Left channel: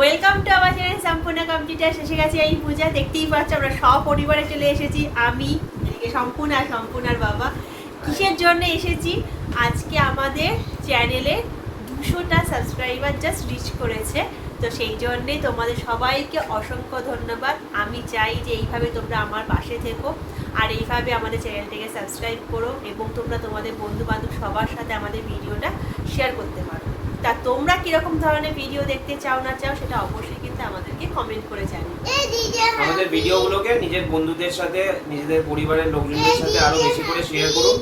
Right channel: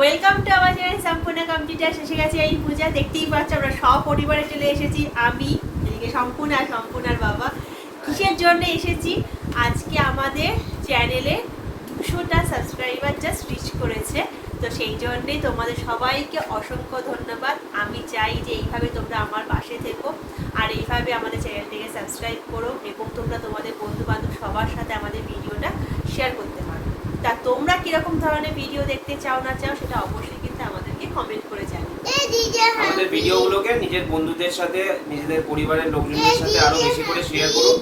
Welcome to আমার channel সম্পূর্ণ computer শেষে গেছে এই পূজা, দেখতেই পাচ্ছ আমরা সব পরিবারে চলে এসেছি। আমি, এদিকে সম্পূর্ণ, আর সম্পূর্ণার বাবা। কিসের জন্য এসেছি? আজকে আমাদের চ্যানেলে দুশোটা সাবস্ক্রাইবার জাস্ট রিচ করেছে। তো সেই জন্যে তোমাদের সবাইকে অসংখ্য ধন্যবাদ। আমি চাই যে এইভাবে তোমরা আমার পাশে থেকো আর এইভাবে আমাদের চ্যানেলটিকে সাবস্ক্রাইব করো এবং তোমরা তোমাদের বন্ধু বান্ধব সবার সাথে আমাদের ভিডিওটা শেয়ার করতে পারো। তা তোমরা কীরকম ধরনের ভিডিও দেখতে চাও না চাও সেটা অবশ্যই কিন্তু আমাদেরকে কমেন্ট করে জানাও। আমাদের ভিডিওগুলোকে নিজের বন্ধুদের সাথে নিজেদের পরিবারের লোকজনদের সাথে আরও বেশি করে শেয়ার করুন।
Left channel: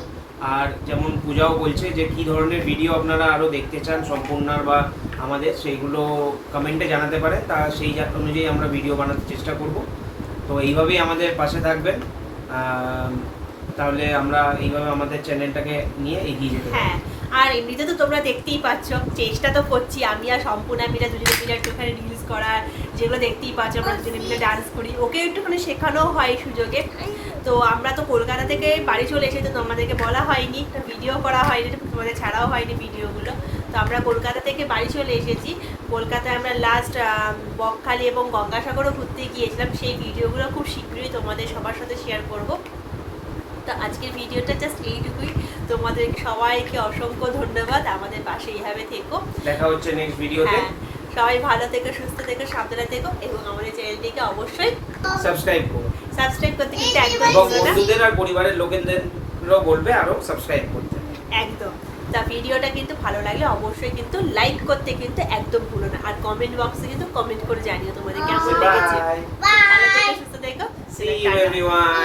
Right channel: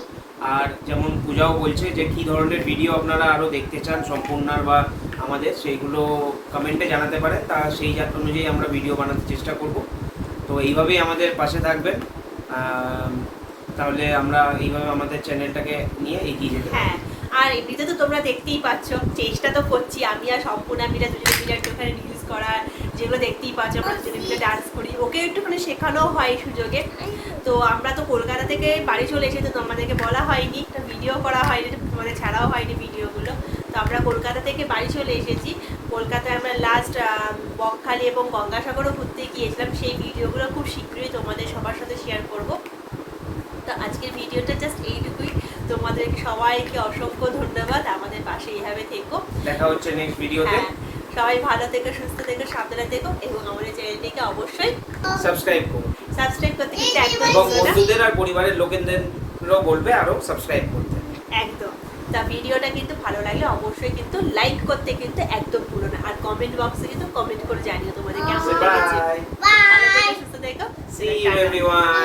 আর যেমন পূজাও বলছে যে কি ধরনের ভিডিও আপনারা আরও দেখতে চান সম্পূর্ণার বা আমাদের সেইগুলো কমেন্টে জানাতে পারে তা সেই অনুযায়ী আমরা ভিডিও বানাতে চেষ্টা করব। তো এইভাবেই আমাদের পাশে থাকবেন। তাহলে আমরা এইভাবে আমাদের চ্যানেলটাকে নিয়ে এগিয়ে যেতে পারি। হ্যাঁ আর এমনিতে তো তোমরা দেখতেই পাচ্ছ, চেষ্টা তো করছি আমি আর সম্পূর্ণ মিলে দুজনে মিলে একটুখানি রিলস করার, যেগুলো দেখতেই পাচ্ছ, আমরা দুজনে মিলে ডান্স করি। ওকে একটুখানি শেখানো হয় সুযোগে। তো আমরা তো কলকাতা থেকে বাড়ি চলে এসেছি, তো তোমাদেরকে বলা হয়নি ভিডিও করা হয়নি, তোমাদের ছাড়াও হয়নি ভিডিওগুলো তো আমরা কলকাতা থেকে বাড়ি চলে এসেছি। কলকাতায় আমরা লাস্ট বকখালি এবং গঙ্গাসাগরও ঘুরতে গিয়েছিলাম। সেই ভিডিওগুলো খুব শীঘ্রই তোমাদের সবার সাথে শেয়ার করব। তো আজকের ভিডিওটা জাস্ট এইটুকুই। তোমাদের সবাইকে অসংখ্য ধন্যবাদ। আমাদের পাশে এইভাবে থেকো। দেখা হচ্ছে নেক্সট ভিডিওতে হ্যাঁ সবাই ভালো থেকো সুস্থ থেকো সাবধানে থেকো এবং আমাদের চ্যানেলটিকে অবশ্যই সাবস্ক্রাইব করুন সাবস্ক্রাইব করতে কিন্তু একদম এবং বন্ধুদের আর পরিবারের লোকেদেরও বলবে আরও সাবস্ক্রাইব করতে। একদম। তা ভিডিওটা কিন্তু ভালো লাগলে অবশ্যই কিন্তু লাইক করতে কিন্তু একদম ভুলো না। আর কমেন্ট বক্সে কিন্তু কমেন্ট করে জানিও তোমাদের কেমন লেগেছে। বাই ভালো থেকো সুস্থ থেকো। You everyone.